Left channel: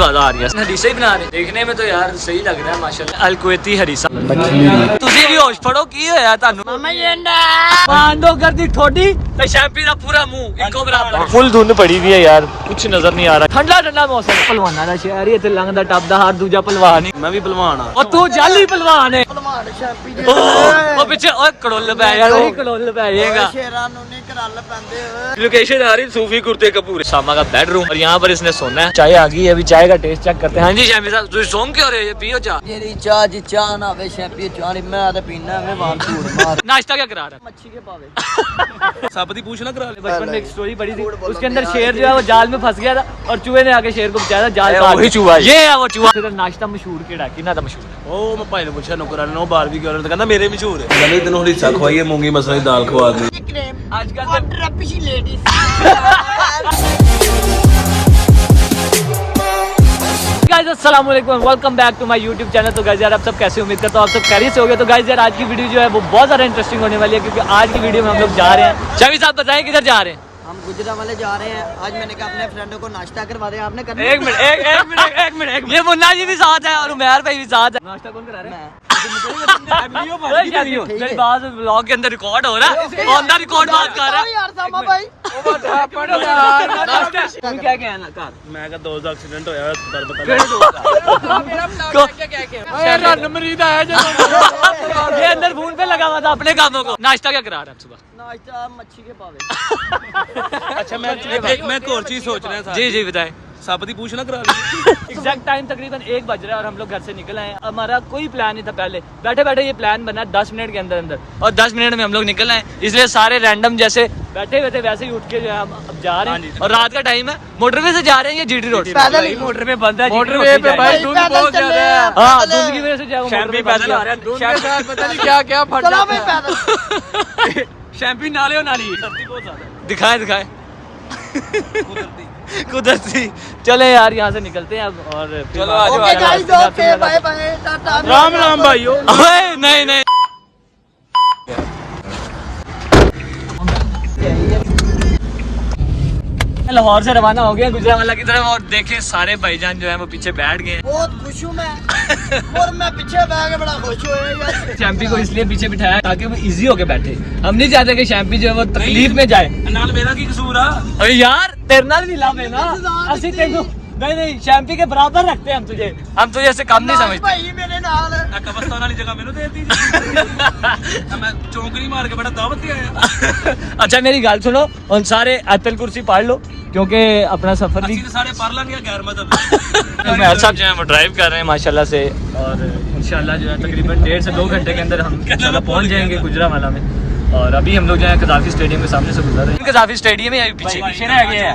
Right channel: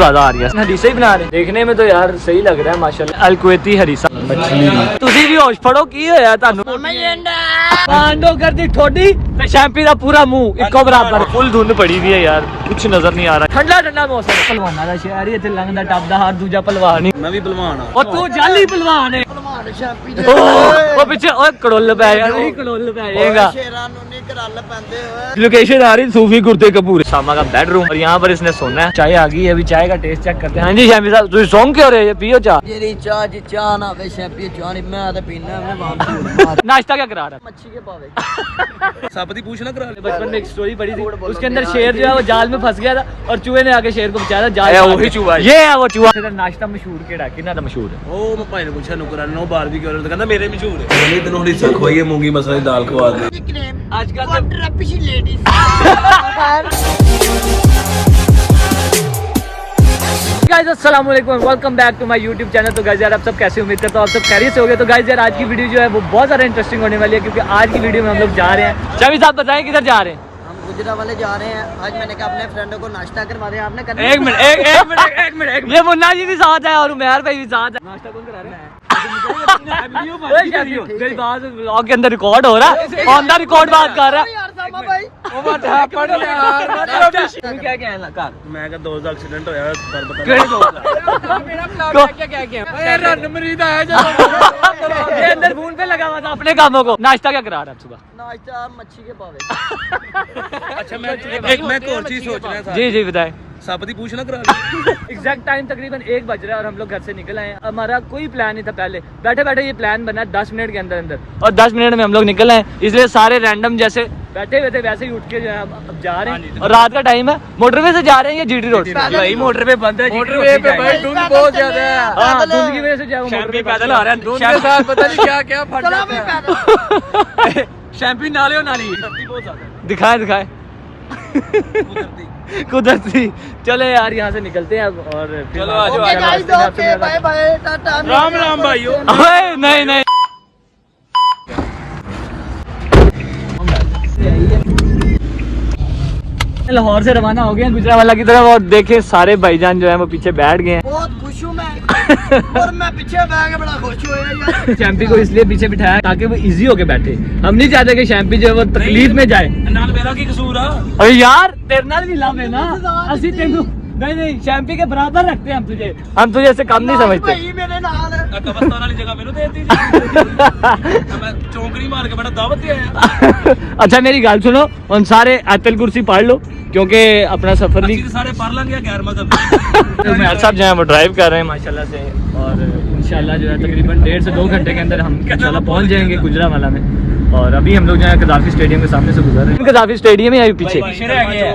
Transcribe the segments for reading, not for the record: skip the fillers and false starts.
आवाज़ आ रही है। हरीसा ही बना रहे, देखने में तो यार सही लग रहा है माशाल्लाह। अल कुवैती हरीसा। तुसी भी होश फड़ो की होया तानू? मांडो कर दी ठोडी ते शैम्पी दा पूरा मुंह इको बराबर। फुल धुंध पड़ी हुई है यार, कुछ नजर नहीं आ रहा। ठंडा ठंडा मौसम, पहलवाना दा शहर ही इत्थे लंघदा टपदा हर दूजा पहलवान ही। मैं भी पहलवान हां और तू जाली पहलवान है। शैम्पी दे ओ पीछे ओए कड़ोल पै गया, नहीं कड़ोल पै जाएगा। शेरां नु नहीं करल पैंदे ओए। लोकेशन आ रही सूफी कुर्ते कपूर शामा का बेडरूम और यहाँ पर इसने सोना है। चाय आ गई है, अभी चाय का टेस्ट चेक करते हैं। हाँ जी शैम्पी साहब तुम सो क्यों रहे? पियो चाय। तेरी चाय जी चाय ना वे शैम्पी चाय नहीं, मैं तो पीना मैं वहां धूड़ मार। नाश्ता क्या करा रहा है? मच्छी के पावे। सब दी पूछना करा ले। बचपन में एक स्टोरी पढ़ी थी, उसके अंदर शेर जो है वो जाल में फंस गया था और चूहे ने आके शेर को बचाया था। जाल वही चूहा, ये है वो चूहा। नाश्ता मशहूर केड़ा किना था मशहूर है? ओ मैं भाई ने पूछा नौकरान नो बार भी कर तो कहंदा मेरे मशहूर है। मैंने इतनो हिस्सा खवाइए मूंगी मसले की दाल खवा दी। आजकल ट्रपिश लेडीज। गाइस अस्सलाम वालेकुम, welcome back to my YouTube channel. तो गाइस यार आप सब कैसे, उम्मीद करता हूं आप सब खैरियत से होंगे। तो गाइस यार आज की वीडियो जो है वो बहुत ज़्यादा इंटरेस्टिंग होने वाली है, क्योंकि आज की वीडियो में हम लोग जा रहे हैं। शमी साहब बताएं किधर जा रहे हैं? हम गुजरा वाले जा रहे हैं। आज मैंने कहा अपने फ्रेंडों को नाश्ता करवा दे। आपने करना? एक मिनट ये मुन्ना जी भी साथ है और उमैर भाई भी साथ है। नाश्ता कौन करा रहा है? मेरी बात व्लॉग के अंदर रिकॉर्ड हो रहा है, ऑन द रिकॉर्ड बात कर रहा है। क्या क्या है? मैं का दोस्त का एक्सीडेंट होया पर बता ये अंदर फोन पे लगा हुआ था अपने कामों को। नाश्ता क्या करा रहा है सुबह? नाश्ता मच्छी के पावे। अच्छा मैं एक और चीज सोच रहा था। जी जी बताएं। साबती पूछना करा एग्जैक्ट टाइम तकरीबन 1 बज रहा है और हम लोग घर से निकल आए। हमारा कोई प्लान नहीं था, पहले बैठे बैठे ये प्लान बना 10 मिनट के अंदर अंदर, और 10 मिनट में हम लोग निकल आए। इसलिए सारे रैंडम जैसे बैठे हुए थे वैसे ही उठ के जो है हम अब जा रहे हैं। और रात का टाइम है, मोटरवे से जा रहे हैं या जीटी रोड? मोटरवे बंद है, मोटरवे पे भाई धुंध बहुत ज्यादा है। हाँ धुंध की वजह से जो मोटरवे पैदल आ रहे हैं, धुंध के साथ पता नहीं क्या क्या फट जाता है। शैम्पी नाले और नाली बहुत ज्यादा। दिखाए दिखाए कुदरती। चले यार यहाँ से निकलते हैं अब और फिर राम राम भाइयों। नहीं नहीं लाहौर से रवाना हो गए हैं गुजरावाला की तरफ, और देखे सारे भाईजान जो है वो पीछे बैठ गए हैं। बहुत खुश हूँ मैं और मैं पीछे बैठ के बड़ा खुश हुआ। शैम्पी को इसलिए पीछे बिठाया ताकि वो इजी होके बैठे। हम नहीं चाहते कि शैम्पी जो है वो तकलीफ में जाए। नाल मेरा की कसूर है? अरे यार तेरे नाल भी लाभ है ना, ऐसे तेनू नहीं नहीं शैम्पी के बराबर रखते हैं हम तुझे ऐसे काम नहीं समझते। अच्छा मेरी गाल सुनो, उन सारे आयतल कुर्सी पढ़ लो क्योंकि अपना सफर भी सारे पढ़ लेंगे। गैर मजहब मेरे साहब जो है वो ड्राइव कर रहे हैं माशाल्लाह से, और इंशाल्लाह जो है तकरीबन 1.5 से 2 घंटे के अंदर हम पहुंच जाएंगे गुजरावाला में। और अभी हम लोग जो है कज़ाफ़ी स्टेडियम के सामने से गुजर रहे हैं। कज़ाफ़ी स्टेडियम है अभी पीछे,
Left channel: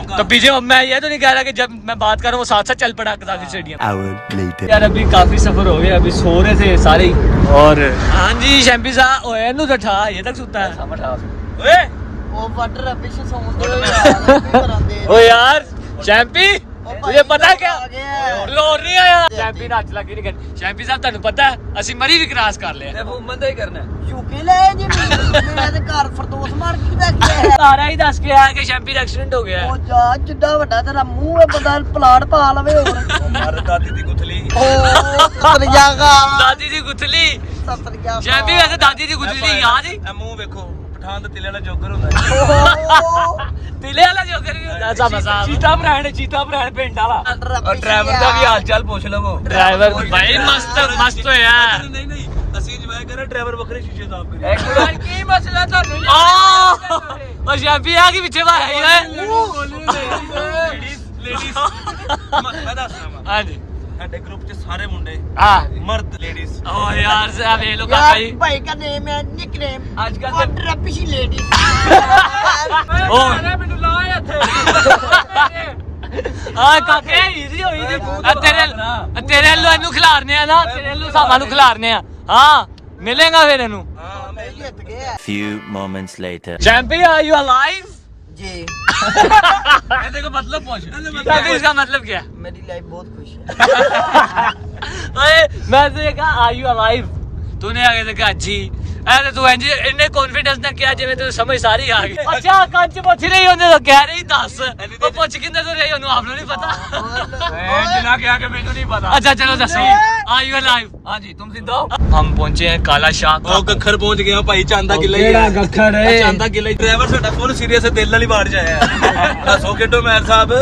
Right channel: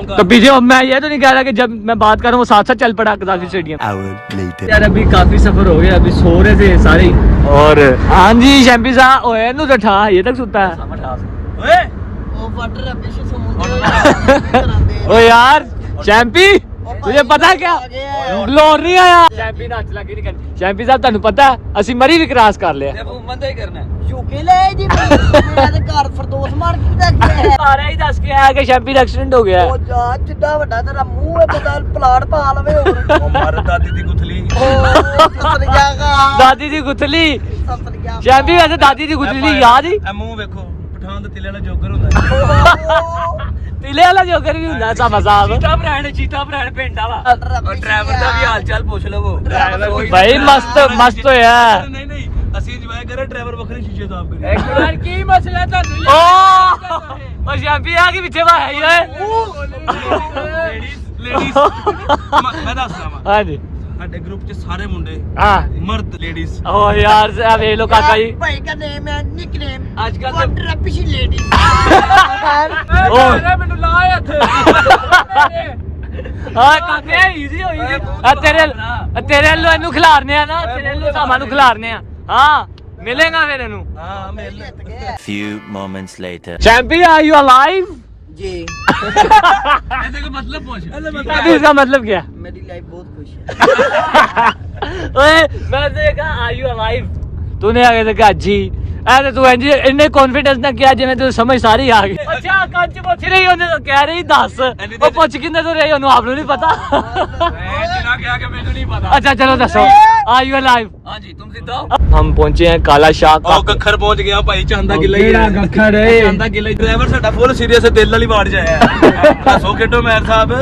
तो पीछे मैं ये तो नहीं कह रहा कि जब मैं बात कर रहा हूँ वो साथ साथ चल पड़ा कज़ाफ़ी स्टेडियम। यार अभी काफी सफर हो गया, अभी सो रहे थे सारे ही। और हाँ जी शैम्पी साहब ओए तू तो ठा ये तक सुता है ओए ओ वाटर पीछे यार शैम्पी तुझे पता है क्या ब्लोर नहीं आया? शैम्पी नाच लगी नहीं करनी। शैम्पी साहब ਤੁਹਾਨੂੰ ਪਤਾ ਹੈ ਅਸੀਂ ਮਰੀ ਵੀ ਕ੍ਰਾਸ ਕਰ ਲਿਆ। ਉਹ ਬੰਦਾ ਹੀ ਕਰਨਾ ਯੂਕੇ ਲੈ ਜੀ ਮੈਂ ਤੇ ਘਰ ਫਰਦੋਸ ਮਾਰ ਕੇ ਦਾ ਗਿਆ ਸਾਰਾ ਹੀ ਦੱਸ ਕੇ ਆਇਆ ਕਿ ਸ਼ੈਂਪੀ ਦਾ ਐਕਸੀਡੈਂਟ ਹੋ ਗਿਆ। ਉਹ ਜਾ ਜਿੱਡਾ ਵੱਡਾ ਤੇਰਾ ਮੂੰਹ ਹੈ ਪਤਾ ਪਲਾਟ ਪਾ ਲਵੇ। ਉਹ ਮਾਰ ਦਾਦੀ ਦੀ ਗੁੱਥਲੀ ਸਤਰ ਜਾਗਾ ਦਾਦੀ ਦੀ ਗੁੱਥਲੀ ਸਤਰ ਜਾ। ਸ਼ੈਂਪੀ ਵੈਸੇ ਦਾਦੀ ਦੀ ਗੁੱਥਲੀ ਯਾਦ ਹੀ ਮੂੰਹ ਵੇਖੋ ਪਠਾਨ ਦਾ ਤਿਲੇ ਵਾਲਾ ਜੋਕਰ ਹੁੰਦਾ। तिले वाला जोकर भी ਹੁੰਦਾ ਤਾਂ ਮਜ਼ਾਕ। ਚੀਤਾ ਭਰਾਣ ਪਿੰਡ ਵਾਲਾ ਔਰ ਡਰਾਈਵਰ ਦਾ ਵੀ ਹਾਲ ਚਾਲ ਪੁੱਛ ਲਵੋ। ਡਰਾਈਵਰ ਭਾਈ ਮਸਤ ਹੋਇਆ। ਨਹੀਂ ਨਹੀਂ ਅਸੀਂ ਜਵਾਇਆ ਕਰੇ ਡਰਾਈਵਰ ਵੱਖਰੇ ਸ਼ੀਸ਼ੇ ਸਾਫ਼ ਕਰੇ। ਇੱਕ ਕੀ ਮਸਲਾ ਤੁਹਾਨੂੰ? ਉਹ ਸ਼ੈਂਪੀ ਆ ਕੇ ਪਿੱਛੇ ਵਾਇਆ ਹੀ ਓਏ। ਮੈਂ ਦੱਸਦਾ ਵਾਂ ਹਾਂਜੀ ਸਾਡੇ ਗਰੁੱਪ ਚ ਸਾਰੇ ਮੁੰਡੇ ਮਰਦ ਲੇਡੀਜ਼। ਓ ਯਾਰ ਆ ਵੇਖ ਲੋ ਕਾਕਾ ਜੀ ਭਾਈ ਦਾ ਨੇਮ ਹੈ ਨਿਕਨੇਮ ਅੱਜ ਕੱਲ ਵਾਟਰ ਪਿਛੀ ਲੇਡੀਜ਼। ਓ ਮੈਨੂੰ ਲਾਏ ਇੱਥੇ ਹਾਂ ਕਾਕੇ ਈਜ਼ੀ ਹੋਈ ਤੇਰੇ ਵੱਲੋਂ ਇਹਨੂੰ ਖਿਲਾਰਨੇ ਆ ਨਾ, ਤੇਰੇ ਵੱਲੋਂ ਸਾਮਾਂ ਨੂੰ ਖਿਲਾਰਨੇ ਆ। ਹਾਂ ਮਿਲੇਗਾ ਫਿਰ ਇਹਨੂੰ। Few moments later. Champi, are you alive? जी। देखो मतलब पूछ इसका मतलब क्या? मेरी लाइफ बहुत खुश है। ओए मैं तो कहा आर यू अलाइव, तूने आगे से कहा जी। ऐसे तू इंज इन्ने कॉन्फिडेंस ना किया जिवें तू समझ सारी आ गई अच्छा कंच पुछ रही ਉਹਨੇ ਤਾਂ ਕਹਿ ਰਹੀ ਦੱਸ ਉਹ ਪੁੱਛ ਕਿੰਨੇ ਤੋਂ ਰਹੀ ਉਹਨੂੰ ਆਪ ਨੂੰ ਨਹੀਂ ਪਤਾ ना क्या कि मैंने नहीं पता अच्छा चलो दसो आर यू लाइव हाँ जी तुम जिंदा हो हम पहुंचे हैं काला शाह का गखर पहुंच गया भाई चांदा किला ही है गखर चांदा किला ही ड्राइवर साडा फुल सीरियस है दिल वाली बात जाया हसो खेडो मैर साहब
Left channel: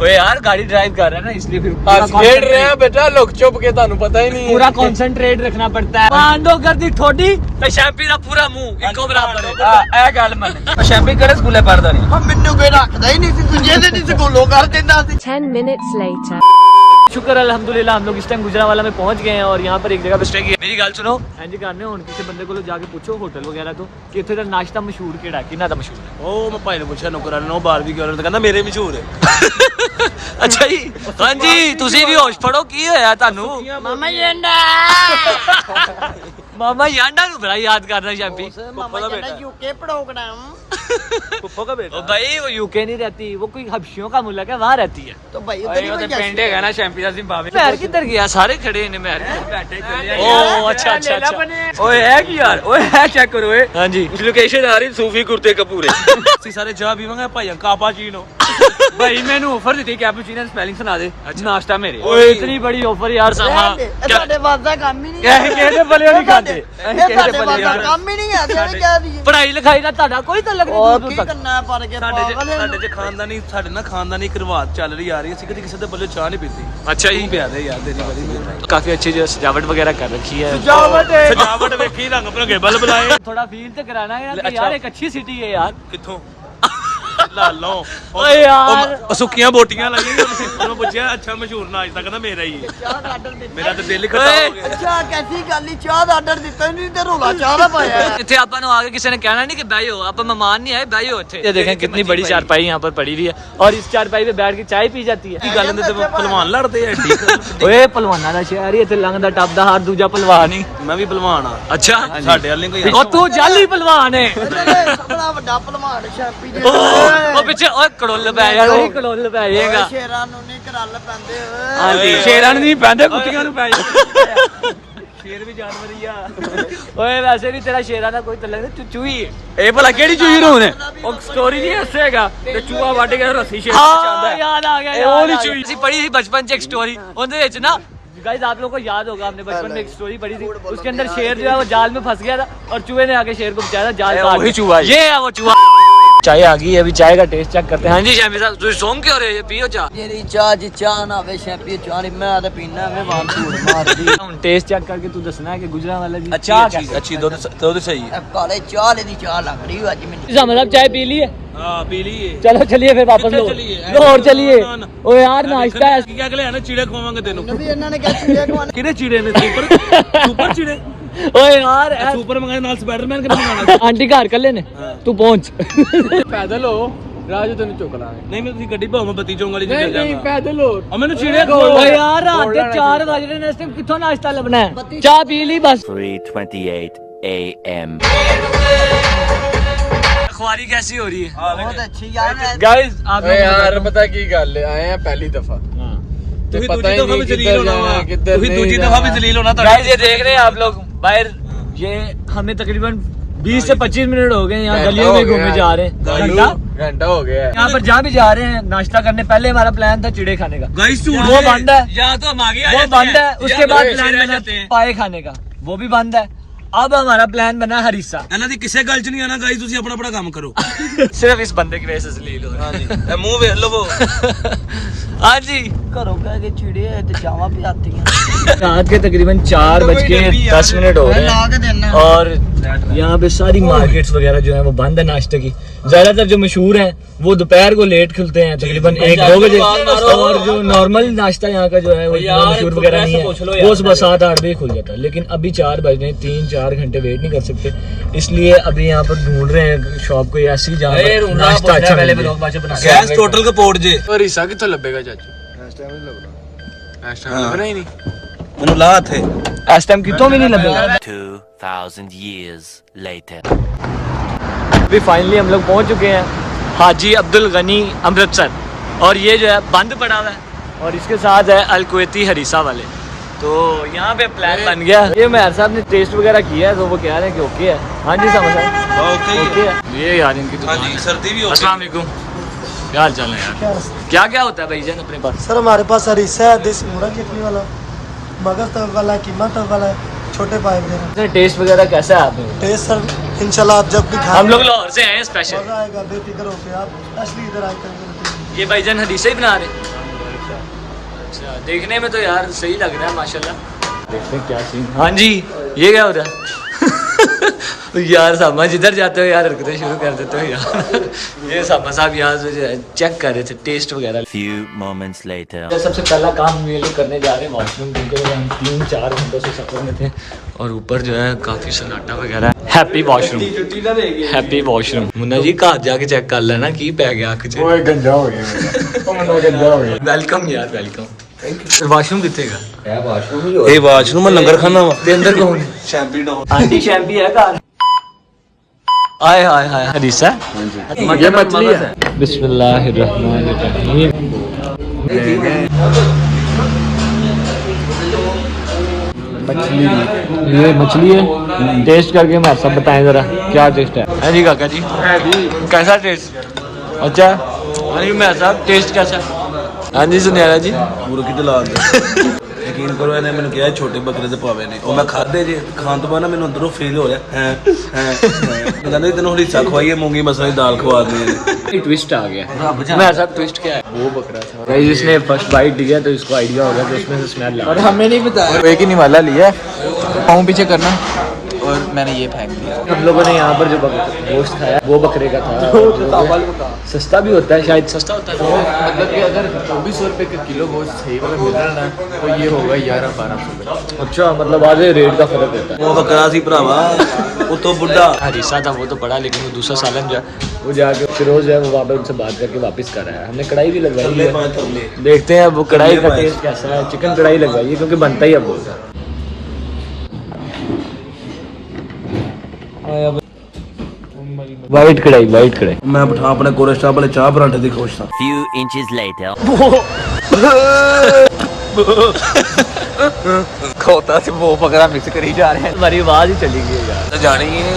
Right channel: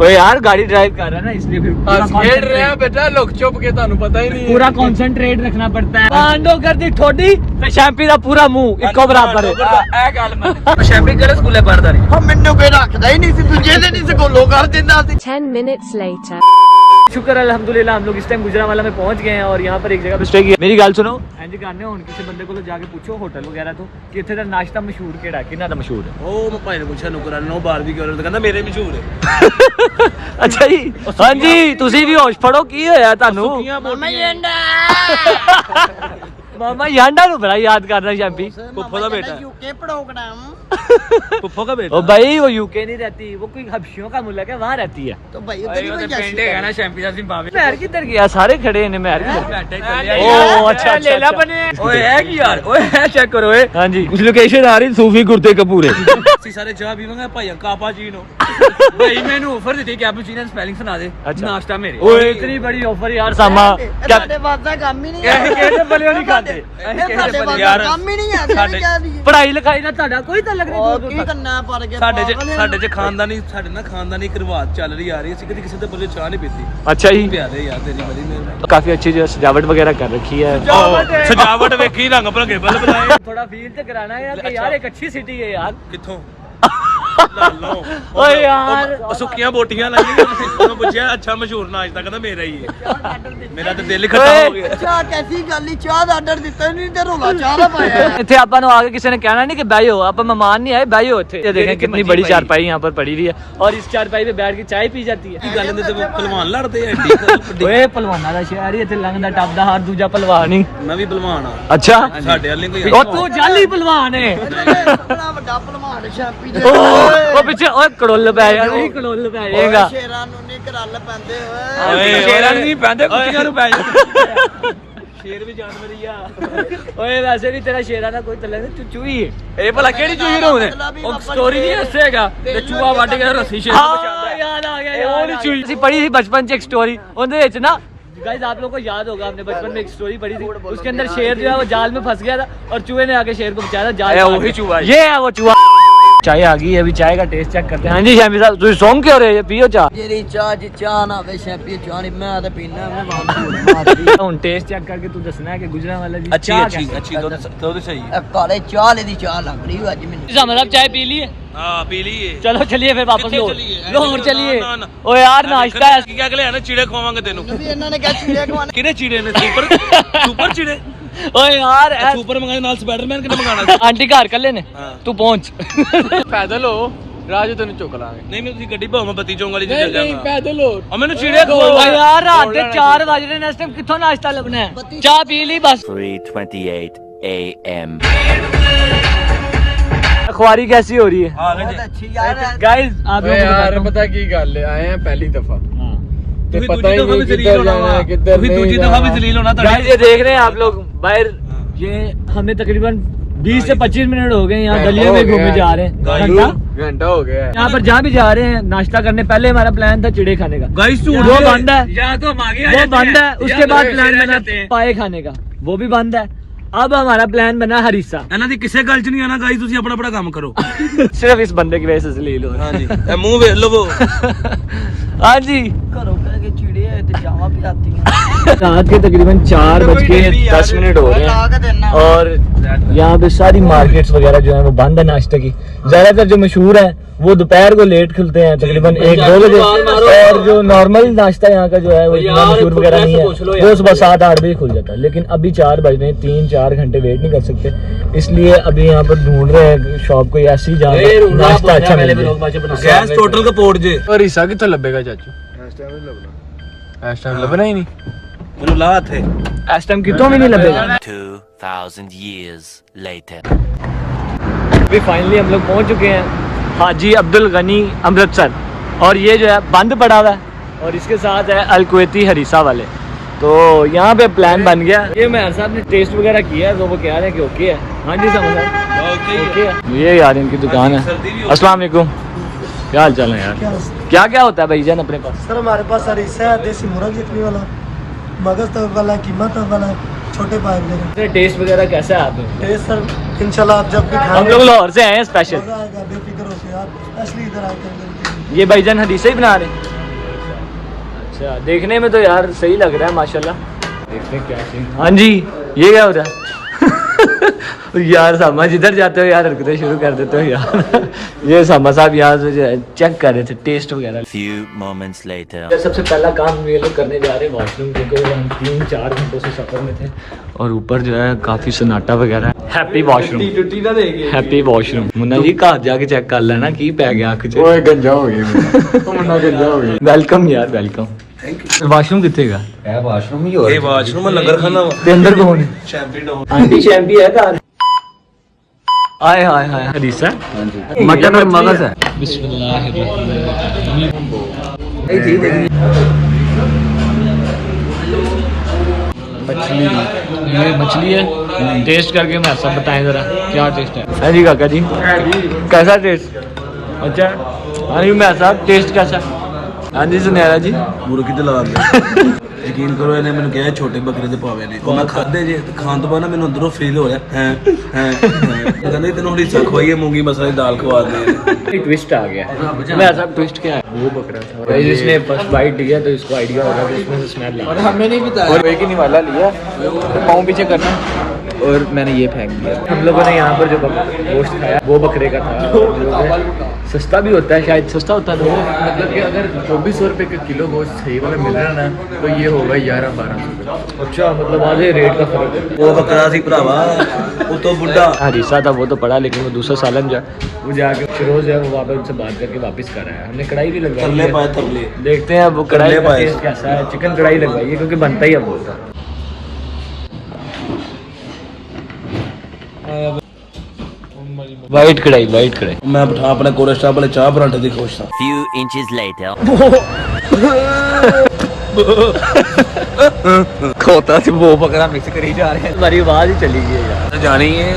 ओए यार गाड़ी ड्राइव कर रहे हैं ना इसलिए फिर खेड रहे हैं बेटा लुक छुप के ਤੁਹਾਨੂੰ पता ही नहीं पूरा कंसंट्रेट रखना पड़ता है पांडो कर दी ठोडी ਤੇ ਸ਼ੈਂਪੀ ਦਾ ਪੂਰਾ ਮੂੰਹ ਇੱਕੋ ਬਰਾਬਰ ਹੈ ਇਹ ਗੱਲ ਮੈਂ ਸ਼ੈਂਪੀ ਕਰੇ ਸਕੂਲੇ ਪੜਦਾ ਨਹੀਂ ਮੈਨੂੰ ਕੋਈ ਰੱਖਦਾ ਹੀ ਨਹੀਂ ਸੀ ਦੂਜੇ ਦੇ ਨਹੀਂ ਸਕੂਲੋਂ ਕਰ ਦਿੰਦਾ ਸੀ 10 minutes later. शुक्र अल्हम्दुलिल्लाह हम लोग इस टाइम गुजरावाला में पहुंच गए हैं और यहाँ पर एक जगह पे स्टे किया मेरी गल सुनो इंज करने हुन किसी बंदे को जाके पूछो होटल वगैरह तो कि इत्थे दा नाश्ता मशहूर केड़ा किन्ना दा मशहूर है ਉਹ ਮੈਂ ਭਾਈ ਨੂੰ ਪੁੱਛਿਆ ਨੌਕਰਾਂ ਨੂੰ ਬਾਹਰ ਦੀ ਕਰ ਕਹਿੰਦਾ ਮੇਰੇ ਮਸ਼ਹੂਰ ਹੈ ਅੱਛਾ ਜੀ ਹਾਂਜੀ ਤੁਸੀਂ ਵੀ ਹੋਸ਼ ਫੜੋ ਕੀ ਹੋਇਆ ਤੁਹਾਨੂੰ ਮਾਮਾ ਜੰਡਾ ਮਾਮਾ ਯਾਂਡਾ ਨੂੰ ਬੜਾ ਯਾਦ ਕਰਦਾ ਸ਼ੈਂਪੀ मामा जंडा यूके प्रोग्राम ਫੁੱਫੋ ਦਾ ओ भाई वो यूके नहीं रहती वो कोई हबशियों का मुल्क है वहाँ रहती है तो भाई उधर ही कोई ਪਿੰਡ ਹੈਗਾ ਨਾ ਸ਼ੈਂਪੀ ਦਾ ਜ਼ਿੰਬਾਬਵੇ महर किधर गया सारे खड़े ने महर किधर ਬੈਠੇ ਚੱਲਿਆ ओ अच्छा अच्छा अच्छा ओए है की यार ओए है चेक करो ओए हां जी ਉਸ ਲੋਕੇਸ਼ਨ ਆ ਰਹੀ ਸੂਫੀ ਕੁਰਤੇ ਕਪੂਰੇ ਅਸੀਂ ਸਾਰੇ ਚਾਹ ਪੀਵਾਂਗੇ ਭਾਈ ਕਾਪਾਚੀਨੋ ਭਾਈ ਮੈਨੂੰ ਆਫਰ ਦਿੱਤੀ ਕੈਪੂਚੀਨੋ ਸਪੈਲਿੰਗ ਸੁਣਾ ਦੇ ਨਾਸ਼ਤਾ ਮੇਰੇ ओए इतनी बड़ी ऑफर यार सामा क्या ਸਾਡੇ ਬਾਤ ਦਾ ਕੰਮ ਹੀ ਨਹੀਂ ਕਿਹੜੇ ਬਲੇ ਨਹੀਂ ਖਾਂਦੇ ਸਾਡੇ ਬਾਤ ਦਾ ਕੰਮ ਹੀ ਨਹੀਂ ਹੈ ਜਿਹੜੇ ਕਹਿ ਦਈਏ पढ़ाई लिखाई ना ਤੁਹਾਡਾ ਕੋਈ ਤਾਲੁਕ ਨਹੀਂ ਉਹ दूर ਕੀ दूर तक ਕਰਨਾ ਪਰ ਕੇ ਸਾਡੇ ਚ ਖਾਨਦਾਨੀ ਸਾਡੇ ਨਾਲ ਖਾਨਦਾਨੀ ਕਰਵਾਤ ਚੱਲ ਰਹੀ ਆ ਰਹੀ ਅਸੀਂ ਕਦੀ ਕਿਸੇ ਦੇ ਬੱਲੇ ਚਾਹ ਨਹੀਂ ਪੀਤੀ अच्छा जी ਪਿਆ ਦੇ ਯਾਰ ਤੇਰੀ ਬੜੀ ਮਿਹਰਬਾਨੀ काफी अच्छी जो सजावट वगैरह कर रखी है ਸਜਾਵਟ ਵੇਖੀ ਰੰਗ ਭਰਗੇ ਬਲ ਬਲਾਏ थोड़ा फील तो कराना है कि यार एक अच्छी सिटी है यार ਕਿੱਥੋਂ ਲਾ ਲਓ ਓਏ ਯਾਰ ਉਹ ਸੁੱਕੀਆਂ ਬੋਟੀਆਂ ਲਾਈਆਂ ਉਹਨੂੰ ਪੁੱਛਿਆ ਅੱਛਾ ਮਸ਼ਹੂਰ ਨਾਸ਼ਤਾ ਕਹਿੰਦਾ ਮੇਰਾ ਹੀ ਹੈ ਮੇਰਾ ਤਾਂ ਦਿਲ ਹੀ ਖਤਮ ਹੋ ਗਿਆ ਅੱਛਾ ਕੈਸੀ ਗੱਲ ਹੀ ਚਾਹ ਦਾ ਆਰਡਰ ਦਿੱਤਾ ਨਹੀਂ ਤੇ ਰੋਲਾ ਚਾਹ ਦਾ ਪਾਇਆ ਇੱਥੇ ਆਪਾਂ ਨੂੰ ਆਗੇ ਕਿਸੇ ਨੇ ਕਹਿਣਾ ਨਹੀਂ ਕਿ ਬੈਠੋ ਆਪਾਂ ਮਹਿਮਾਨ नहीं आए बैठो ਇੱਥੇ ये देखें कितनी बड़ी चारपाई यहाँ पर पड़ी हुई है और इस चारपाई पे बैठ के चाय पी जाती है ਕੀ ਗੱਲ ਹੁੰਦੀ ਤੇ ਪਹਿਲਵਾਨ ਲੜਦੇ ਆ ਏਡੀ ਓਏ ਪਹਿਲਵਾਨਾਂ ਦਾ ਸ਼ਹਿਰ ਹੀ ਇੱਥੇ ਲੰਘਦਾ ਟੱਪਦਾ ਹਰ ਦੂਜਾ ਪਹਿਲਵਾਨ ਹੀ ਮੈਂ ਵੀ ਪਹਿਲਵਾਨ ਆ ਅੱਛਾ ਸਾਡੇ ਵਾਲੇ ਕੋਈ ਉਹ ਤੂੰ ਜਾਲੀ ਪਹਿਲਵਾਨ ਹੈ ਬੜਾ ਵੱਡਾ ਭਲਵਾਨ ਸ਼ੈਂਪੀ ਦੇ ਉਹ ਪਿੱਛੇ ਓਏ ਕੜੋਲ ਪੈ ਜਾਣਾ ਨਹੀਂ ਕੜੋਲ ਪੈ ਜਾਏਗਾ ਸ਼ੇਰਾਂ ਨੂੰ ਨਹੀਂ ਕਰਲ ਪੈਂਦੇ ਓਏ ਸ਼ੇਰਾਂ ਨੂੰ ਨਹੀਂ ਪੈਂਦੇ ਕੁੱਤੀਆਂ ਨੂੰ ਪੈ ਜਾਂਦੇ ਸ਼ੇਰ ਵੀ ਜਾਨਵਰ ਹੀ ਆ ਓਏ ਵੈਸੇ ਵੀ ਤੇਰਾ ਸ਼ੇਰਾਂ ਦਾ ਕੋਈ ਤਲਕ ਨਹੀਂ ਤੂੰ ਚੂਹੀ ਹੈ ਇਹ ਭਲਾ ਕਿਹੜੀ ਚੀਜ਼ ਨੂੰ ਨੇ ਉਹ ਸਟੋਰੀ ਨਹੀਂ ਹੱਸੇਗਾ ਤੇ ਚੂਹਾ ਵੱਢ ਕੇ ਰੱਸੀ ਸ਼ੇਰ हाँ याद आ गया याद आ गया ਅਸੀਂ पढ़ी थी बचपन से एक स्टोरी ਉਹਦੇ ਵਿੱਚ ना गाइस आप लोगों को याद होगा हमने बचपन में एक स्टोरी पढ़ी थी उसके अंदर शेर जो है वो जाल में फंस गया था और चूहे ने आके शेर को बचाया था जाल वही चूहा है। ये है वो चूहा चाय आ गई है अभी चाय का टेस्ट चेक करते हैं हाँ जी शैम्पी साहब तुम सौंग क्यों रहे हो पियो चाह ਜਿਹੜੀ ਚਾਹ ਜੀ ਚਾਹ ਨਾ ਵੇ ਸ਼ੈਂਪੀ ਚਾਹ ਨਹੀਂ ਮੈਂ ਤਾਂ ਪੀਣਾ ਮੈਂ ਵਾਂ ਧੂੜ ਮਾਰਦੀ ਹੁਣ टेस्ट चेक करके तू दसना है कि गुजरांवाला जी ਅੱਛੀ चाह ਅੱਛੀ कैसी ਅੱਛੀ ਦੁੱਧ ਸਹੀ ਇਹ ਕਾਲੇ ਚਾਹ ਦੀ ਚਾਹ ਲੱਗ ਰਹੀ ਅੱਜ ਮੈਨੂੰ है मतलब चाय पी ली है ਹਾਂ ਪੀ ਲਈਏ चलो चलिए फिर वापस कितने लाहौर चलिए? लाहौर चलिए ना, ना। ओ यार नाश्ता है ਕੀ ਅਗਲੇ ਆਣੇ ਚੀੜੇ ਖਵਾਵਾਂਗੇ ਤੈਨੂੰ ਵੀ ਇਹਨਾਂ ਨੇ ਕਿਹਾ ਚੀੜੇ ਖਵਾਣੇ ਕਿਹੜੇ ਚੀੜੇ ਨੇ ਸੁਪਰ ਚੀੜੇ ओए यार ਸੁਪਰ ਮੰਗਾਏ ਨਾਲ ਸਪਾਈਡਰਮੈਨ ਕਿਹਨੇ ਮੰਗਾਣਾ आंटी घर कर लेने हाँ। तू पहुंच ਪੈਦਲ ਹੋ ਰਾਜ ਤੈਨੂੰ ਚੁੱਕ ਲਾਂਗੇ ਨਹੀਂ ਮੈਂ ਤੁਸੀਂ ਗੱਡੀ ਭਾਵੇਂ ਮੈਂ ਬੱਤੀ ਚੌਂਕ ਵਾਲੀ ਚ ਚੱਲ ਜਾਵਾਂਗਾ ਪੈਦਲ ਹੋ ਆ ਮੈਨੂੰ ਚੀੜੇ ओ यार रात के 4 बज रहे हैं इस टाइम किथों नाश्ता लबना है चाह पी ली बस 3:28 a.m. अखबारी कैसी हो रही है ਬਹੁਤ ਅੱਛੀ ਯਾਰ गाइस आप लोगों को यार पता की गल आए हैं पहली दफा ਤੇ पता ही नहीं किधर जाना है किधर ਤੁਸੀਂ नहीं ਦੂਜੀ ਦਫਾ ਵੀ जाना। ਜ਼ਲੀਲ ਹੋਣਾ ਤੁਹਾਡਾ गाइस ये देख रहे हैं आप लोग बाहर ये हमें तकरीबन 20 से 25 मिनट हो गए यहाँ गलियों में घूमे जा रहे हैं घंटा घंटा हो गया यहाँ पर जहाँ भी जा रहे हैं नाश्ता करने पहले हमारा प्लान था चिड़े खाने का गाइस झूठ वो बंद है या तो हम आगे वो बंद है उसके बाद प्लान बना पाए खाने का वो भी बंद है अब हमारा प्लान बना हरीसा ਇਹਨਾਂ ਦੀ ਕਿਸੇ ਗੱਲ ਚ ਨਹੀਂ ਆਣਾ ਗਾइस ਤੁਸੀਂ ਆਪਣਾ ਆਪਣਾ ਕੰਮ ਕਰੋ सिर्फ इस बंदे की वजह से जलील हो रहे ਇਹ ਮੂੰਹ ਵੇਖ ਲਵੋ हैं हाँ जी ਘਰੋਂ ਕਹਿ ਕੇ ਚਿੜੇ ਆਏ ਤੇ ਚਾਵਾਂ ਵੀ ਆਤੀਆਂ रात के तकरीबन 4:10 हो रहे ਲਾ ਕੇ ਦੇਣਾ हैं और यहाँ पे सारी मार्केट्स वगैरह जो है वो बंद है नाश्ते की ज्यादातर जो मशहूर हैं वो दोपहर को लेट खुलते हैं तकरीबन 1-2 बजे और जो नॉर्मल नाश्ता यहाँ का जो है वो इतना मशहूर वगैरह नहीं है वो सुबह 7-8 बजे खुल जाता है लेकिन अभी 4 बज रहे हैं 3-4 घंटे वेट नहीं कर सकते इसलिए अभी यहाँ पर ढूंढ रहे हैं शॉप कोई ऐसी जहाँ पर नाश्ता अच्छा मिल जाए ਗੈਸ ਟੋਟਲ ਕਪੋਰਟ ਜੇ और ईसा कितना लबेगा चाचू इस टाइम लबना ही नहीं ਮੈਨੂੰ ਲਾ ਇੱਥੇ इस टाइम कितों भी नहीं लगेगा 2,000 years later. अभी फाइनली हम लोग पहुंच चुके हैं हाजी अब्दुल गनी अमृतसर और ये जो है बंद पड़ा हुआ है और इसके साथ है अल कुवैती हरीसा वाले तो यहाँ पे प्लान बन गया। ये मेहर साहब ने टेस्ट वगैरह किया है तो वो कह रहे हैं कि ओके है। हाँ जी समझ साहब ओके है। ये यार इनकी दुकान है। अस्सलाम वालेकुम, क्या हाल चाल है यार? क्या क्या होता है भाईजान अपने पास? सर हमारे पास हरीसा है, देसी मुर्गा चटनी वाला, मगज तव वाला, कीमा तव वाला, छोटे पाइप दे रहे हैं। टेस्ट वगैरह कैसा है आप? टेस्ट सर इंशाल्लाह आप जब भी हम खाएंगे लोग लाहौर से आए हैं स्पेशल। मजा आएगा, बेफिक्र होके आप असली इधर आए करेंगे। ये भाईजान हदीसे ही बना रहे? अच्छा, देखने में तो यार सही लग रहा है माशाल्लाह। देखते हैं क्या सीन। हाँ जी, ये क्या हो रहा है? यार सामा जिधर जाते हो यार हरकतें शुरू कर देते हो यार। ये सामा साहब यहाँ से चेक कर रहे थे टेस्ट वगैरह। Few moments later. सबसे पहला काम ये लोग करने जा रहे हैं वॉशरूम, क्योंकि हम 3-4 घंटों से सफर में थे और ऊपर जो है काफी सन्नाटा वगैरह है। Happy washroom, happy washroom. Munna ji घर जाके चेक कर लेना की पै गया अख च। गंजा हो गया। वेलकम यार वेलकम। वाशरूम कितने का? ਇਹ ਵਾਸ਼ਰੂਮ ਮੈਂ ਲੰਗਰ ਖਾਣਾ ਵਾ ते अंदर कौन है? शैम्पी डॉन। आंटी शैम्पी है घर। आए हाय हाय हदीसा। हां जी। मटन में मगज है। बिस्मिल्लाहिर्रहमानिर्रहीम। मछली, ये मछली है। टेस्ट करके मैं सब बताएं जरा क्या टेस्ट है जी काका जी? कैसा टेस्ट? अच्छा हाँ जी मैं साहब टेस्ट कैसा? हाँ जी सुनियारा जी। ਮੁਰਗੀ ਤੇ ਲਾ ਦੇ ਯਕੀਨ ਕਰੋ ਇਹਨੇ ਮੈਨੂੰ ਕਿਹਾ ਛੋਟੇ ਬੱਕਰੇ ਦੇ ਪਾਵੇ ਨੇ ਉਹ ਮੈਂ ਖਾਦੇ ਜੇ ਖਾਣ ਤੋਂ ਬਾਅਦ ਨਾ ਮੈਨੂੰ ਅੰਦਰੋਂ ਫੀਲ ਹੋ ਰਿਹਾ ਹੈ ਪਤਾ ਨਹੀਂ ਤੈਨੂੰ ਹਿੱਸਾ ਖਵਾਈਏ ਮੂੰਗੀ ਮਸਰਾਂ ਦੀ ਦਾਲ ਖਵਾ ਦੇ। ट्विस्ट आ गया। मैं साहब ट्विस्ट क्या है? वो बकरा था जिसने फर्स्ट बाइट दिया तो इसको आइडिया हो गया कि उसमें से स्मेल आ रहा है। हमें नहीं पता। और एक ही निवाला लिया, पाँव पीछे करना और मैंने ये फेंक दिया। हम लोगों ने यहाँ पर जो गोश्त खाया वो बकरे का था, जो कि सस्ता भी होता है, शायद सस्ता होता है। तो मतलब कि अगर 2400 रुपये का किलो गोश्त सही वाला मिल रहा ना तो ये होगा 1100-1200 रुपये। अच्छा मतलब आधे रेट का फर्क होता है। ਉਹ ਬੱਕਰਾ ਸੀ ਭਰਾਵਾ ਉਤੋਂ ਬੁੱਢਾ हरीसा था वो तो पड़ा, लेकिन वो दूसरा सालन जो है वो जाके फिरोज है वो वहाँ पे उनसे बात करके वापस कर रहा है। हमने कढ़ाई भी लगवाई है, देखते हैं वो कढ़ाई का टेस्ट कैसा है। चिकन कढ़ाई लगवाई है क्योंकि बनता ही है बहुत सा। वाइट कढ़ाई, वाइट कढ़ाई। ਮੈਂ ਬਿਠਾ ਆਪਣੇ ਕੋਰੇ ਸਟਾਫ ਵਾਲੇ ਚਾਹ ਪਰਾਂਠੇ ਦੀ ਖੁਸ਼ ਹਾਂ। Few inches later. वो बकरा मिक्स करी जा रहे हैं। हमारी आवाज ही चली गई है यार। ਜਾਣੀ ਹੈ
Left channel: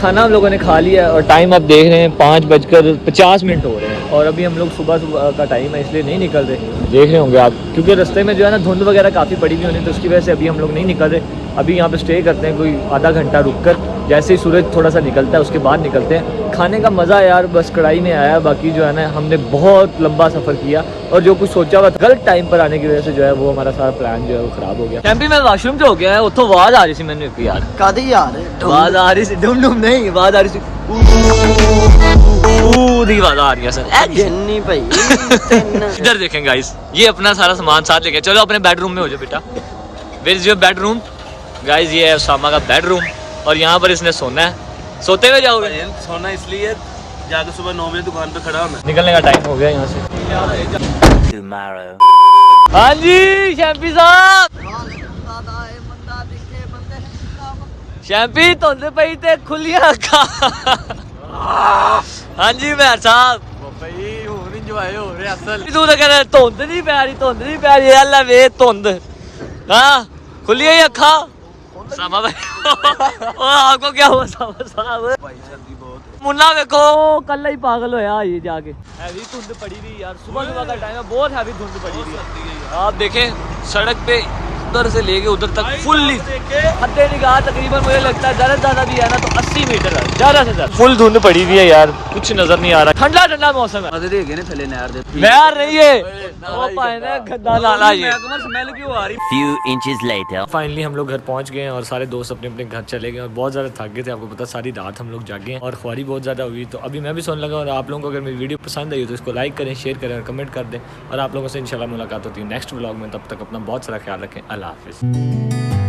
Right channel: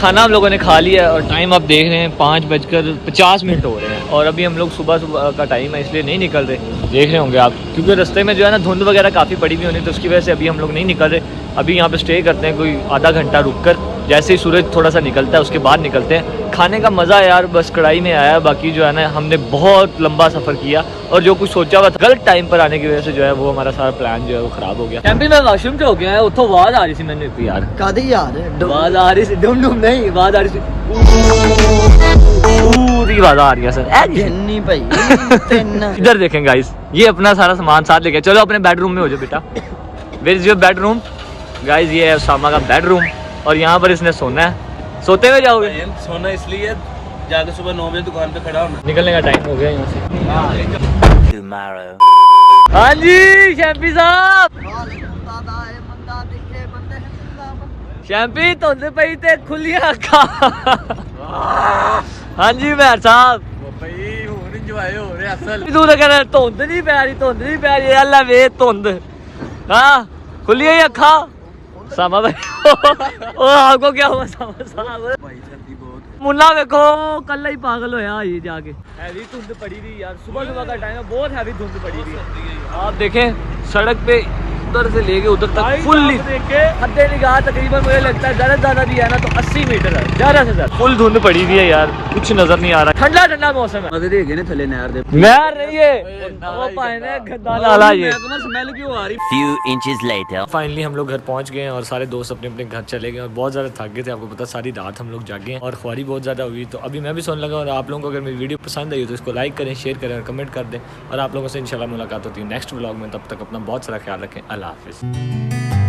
खाना हम लोगों ने खा लिया और टाइम अब देख रहे हैं 5:50 हो रहे हैं और अभी हम लोग सुबह सुबह का टाइम है इसलिए नहीं निकल रहे। देख रहे होंगे आप, क्योंकि रास्ते में जो है ना धुंध वगैरह काफ़ी पड़ी हुई होनी, तो उसकी वजह से अभी हम लोग नहीं निकल रहे। अभी यहाँ पे स्टे करते हैं कोई आधा घंटा रुक कर, जैसे ही सूरज थोड़ा सा निकलता है उसके बाद निकलते हैं। खाने का मज़ा यार बस कढ़ाई में आया, बाकी जो है ना हमने बहुत लंबा सफ़र किया और जो कुछ सोचा हुआ था गलत टाइम पर आने की वजह से जो है वो हमारा सारा प्लान जो है वो खराब हो गया। कैंपी में वाशरूम जो हो गया है उतो आवाज आ रही थी मैंने यार। ਕਾਦੀ ਯਾਰ आवाज आ रही थी, डुम डुम नहीं आवाज आ रही थी, पूरी आवाज आ रही है सर। ਜੰਨੀ ਭਾਈ ਤਿੰਨ इधर देखें गाइस, ये अपना सारा सामान साथ लेके चलो अपने बेडरूम में हो जाओ बेटा। Where is your bedroom? Guys ये है उसामा का बेडरूम और यहाँ पर इसने सोना है। सोते हुए जाओगे? सोना इसलिए जाके सुबह 9 बजे दुकान पे खड़ा होना। निकलने का टाइम हो गया यहाँ से। Tomorrow. हाँ जी शैम्पी साहब। शैम्पी धुंध पई ते खुलियां अखां। हाँ जी मैर साहब। भाई हुण इंजॉय हो रहा असल। तू तो कह रहा धुंध नहीं पै रही, धुंध नहीं पै रही। अल्लाह वे धुंध हाँ खुलियां ही अखां। सामा भाई ओ आपको क्या हुआ सामा साहब? भाई सर्दी बहुत मुन्ना देखो कल ही पागल होया ये जाके। हैवी धुंध पड़ी हुई यार, सुबह सुबह का टाइम है, बहुत हैवी धुंध पड़ी हुई है। आप देखें सड़क पे उधर से लेके उधर तक फुल हद्दे निगाह तकरीबन मुझे लगता है ज्यादा भी है ना तो 80 मीटर है, ज्यादा से ज्यादा। फुल धुंध पड़ी हुई है यार, कुछ नजर नहीं आ रहा। ठंडा ठंडा मौसम है। मजे दे गए ने थले नहर दे नहर नहीं है वो पाए ना गंदा नाला ये। स्मेल क्यों आ रही? Few inches later. फाइनली हम लोग घर पहुंच गए हैं और सारे दोस्त अपने अपने घर चले गए और बहुत ज़्यादा थक गए थे। आपको पता सारी रात हम लोग जागे हैं और ख्वारी बहुत ज़्यादा हुई, तो अभी मैं भी सोने लगा। और आप लोगों को अगर मेरी वीडियो पसंद आई हो तो इसको लाइक करें, शेयर करें और कमेंट कर दें। और आप लोगों से इंशाल्लाह मुलाकात होती है नेक्स्ट व्लॉग में। तब तक अपना बहुत सारा ख्याल रखें। अल्लाह हाफिज़।